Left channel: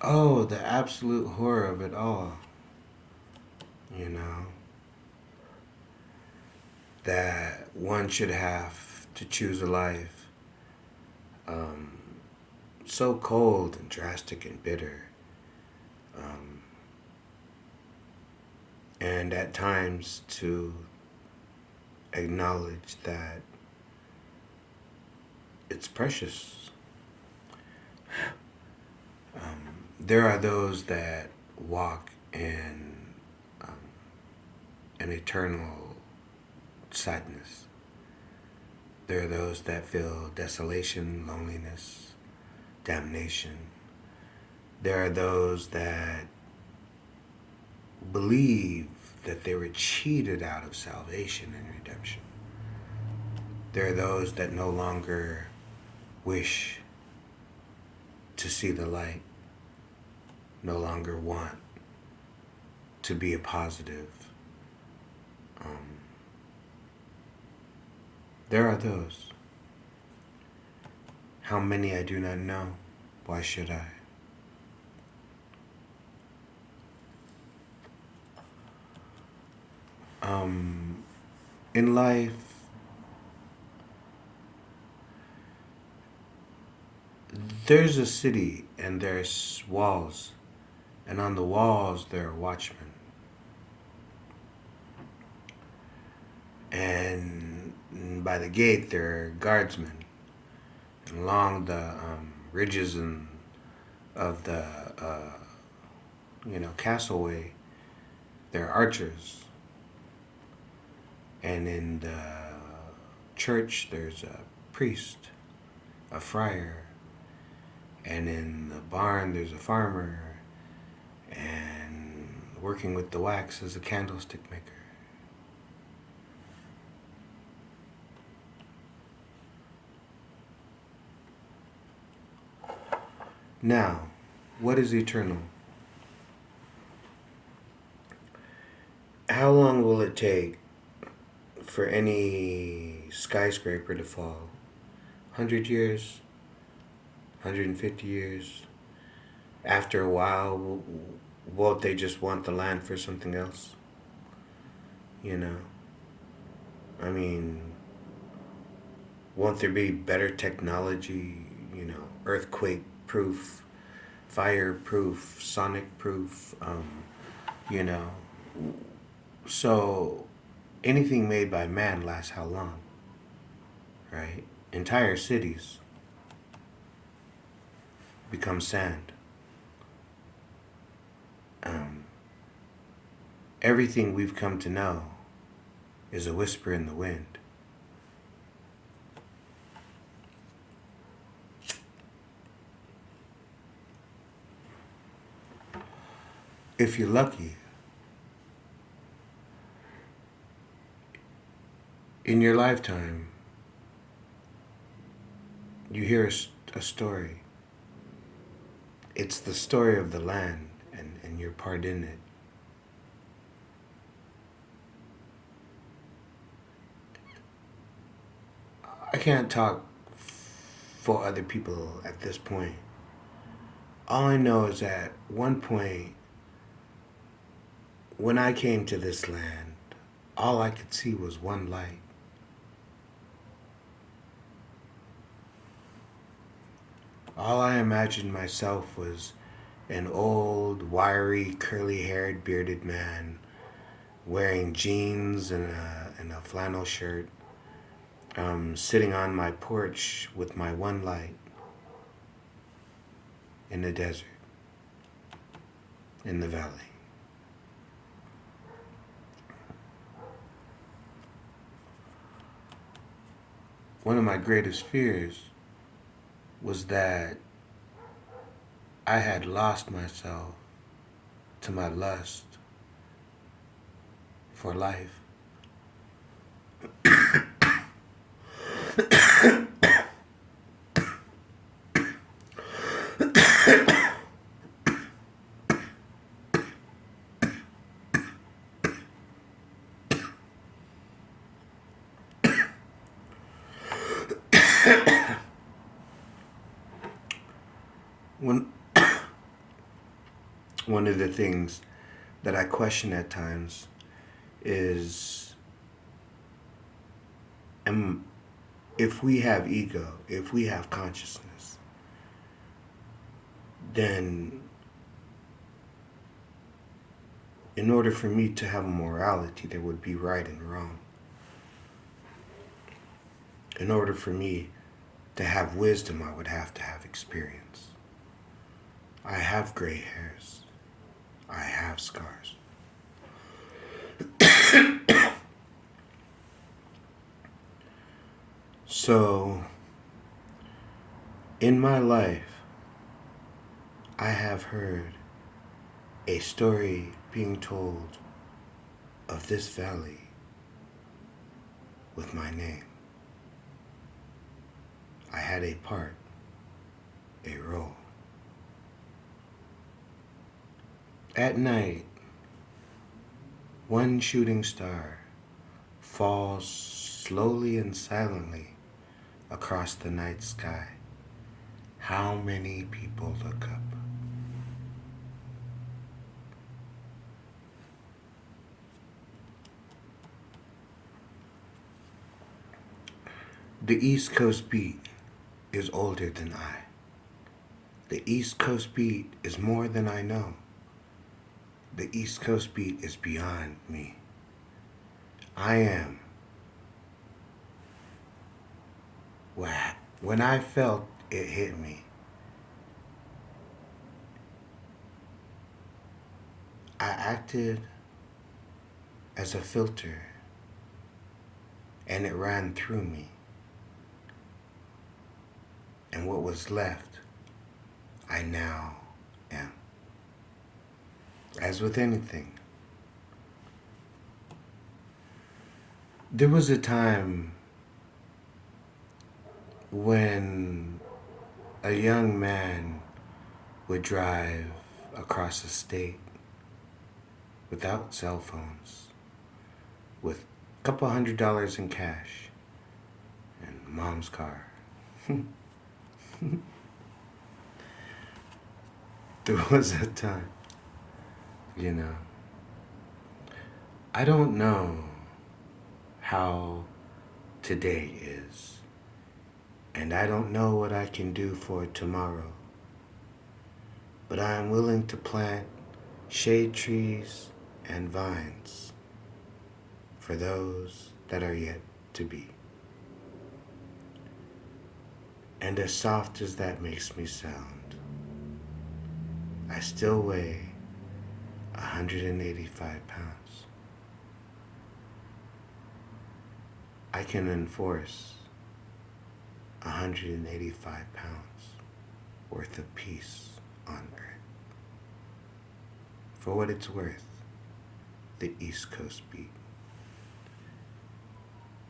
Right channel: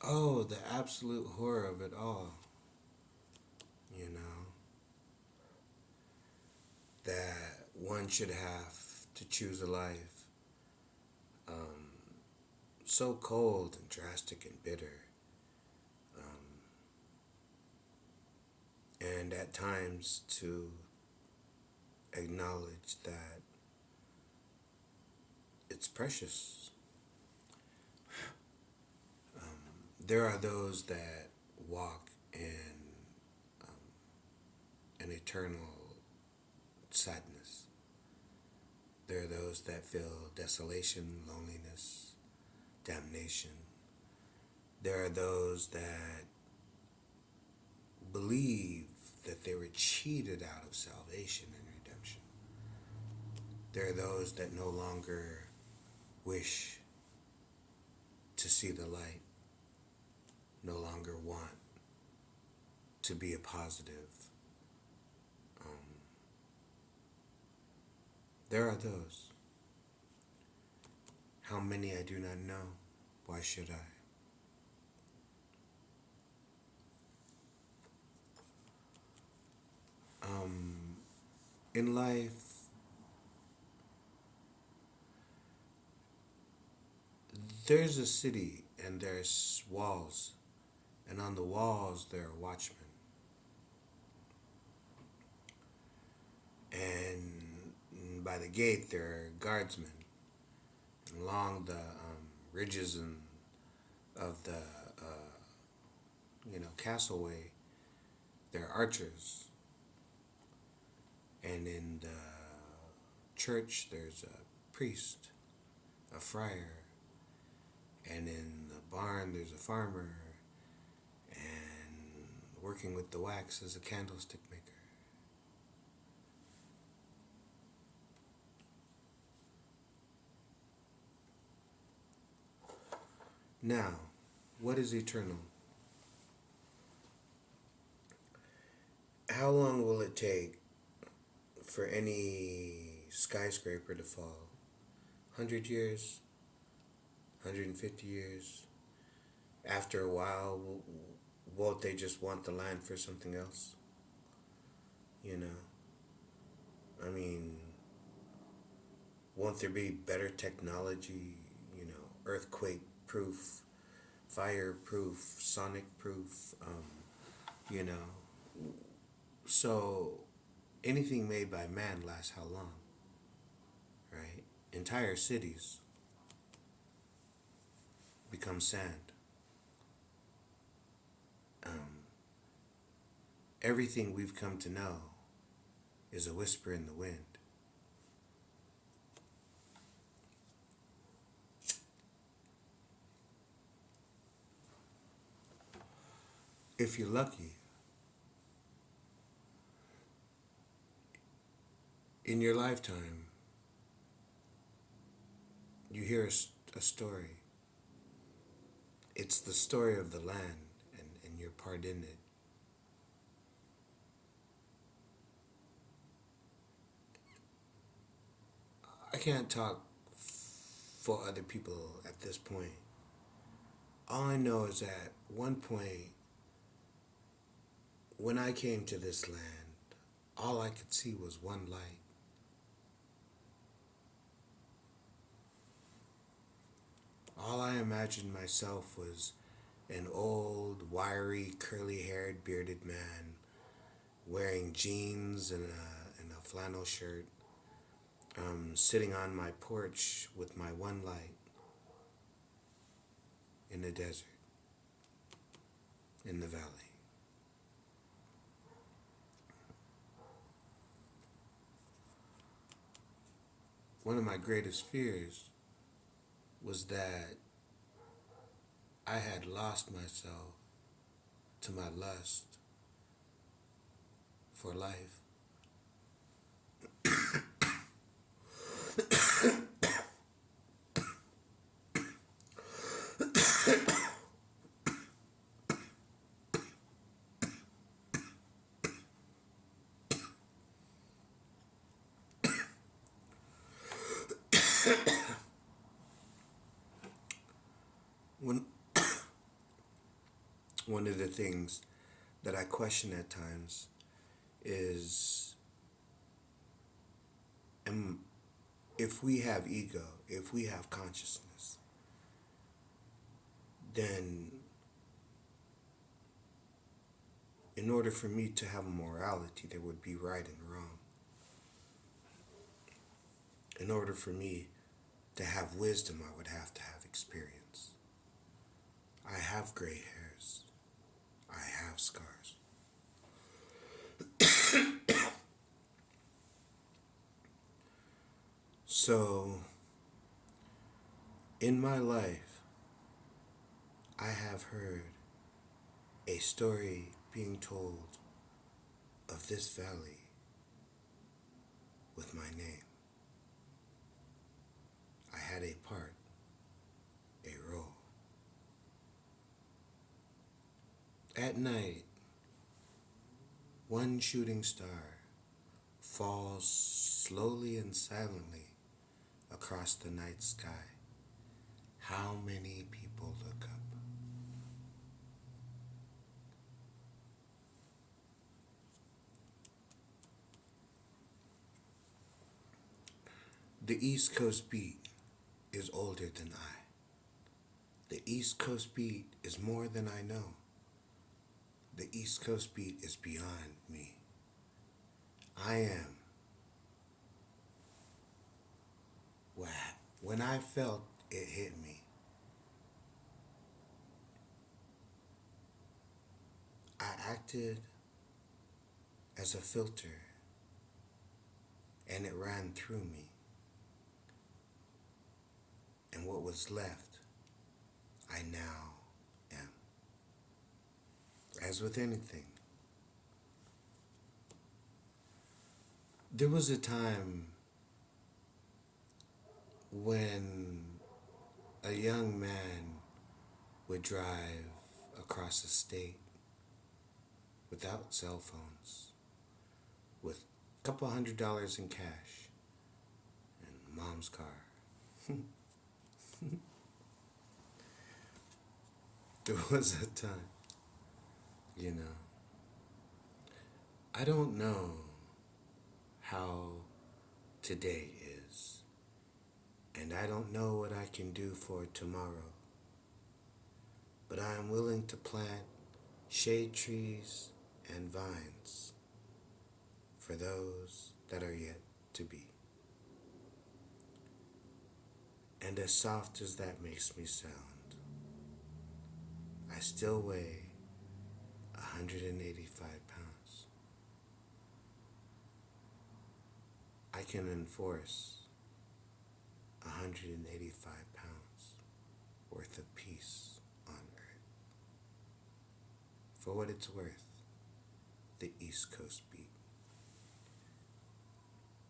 Oh, the absolute horror of it all. You know, that one should have to choose a life um, so cold and drastic and bitter, um, and at times to acknowledge that it's precious. There are those that walk in um, an eternal sadness. There are those that feel desolation, loneliness, damnation. There are those that believe that they were cheated out of salvation and redemption. There are those that no longer wish to see the light, no longer want to be a positive. Um, there are those. How many I do not know. Why should I? Um, in life, there's a city and there's walls, and on the walls there are watchmen, and by the gate there are guardsmen, and along the ridges and of the castleway there are archers, and in the church there's a priest, a friar, and in the barn there's a farmer, and working with the wax is a candlestick maker. Now, what is eternal? How long will it take for any skyscraper to fall? 100 years? 150 years? After a while, won't they just want the land for something else? You know? I mean, won't there be better technology, earthquake proof, fire proof, sonic proof, you know? So anything made by man lasts how long, right? Entire cities become sand. Um, Everything we've come to know is a whisper in the wind. If you're lucky, in your lifetime, you hear a story. It's the story of the land, and your part in it. I can't talk for other people at this point. All I know is at one point, when I came to this land, all I could see was one light. All I imagined myself was an old, wiry, curly haired, bearded man wearing jeans and a flannel shirt, sitting on my porch with my one light in the desert, in the valley. One of my greatest fears was that I had lost myself to my lust for life. When One of the things that I question at times is, am, if we have ego, if we have consciousness, then in order for me to have a morality, there would be right and wrong. In order for me to have wisdom, I would have to have experience. I have gray hairs. I have scars. So, in my life, I have heard a story being told of this valley with my name. I had a part, a role. At night, one shooting star falls slowly and silently across the night sky. How many people look up? The East Coast beat is older than I. The East Coast beat is more than I know. The East Coast beat is beyond me. I am. When I felt it hit me, I acted as a filter and it ran through me. And what was left, I now am. As with anything, there was a time when a young man would drive across the state without cell phones, with a couple $100 in cash and mom's car. There was a time, you know. I don't know how today is, and I don't know what I can do for tomorrow, but I am willing to plant shade trees and vines for those that are yet to be. And as soft as that makes me sound, I still weigh 185 pounds. I can enforce 185 pounds worth of peace on earth. For what it's worth, the East Coast beat.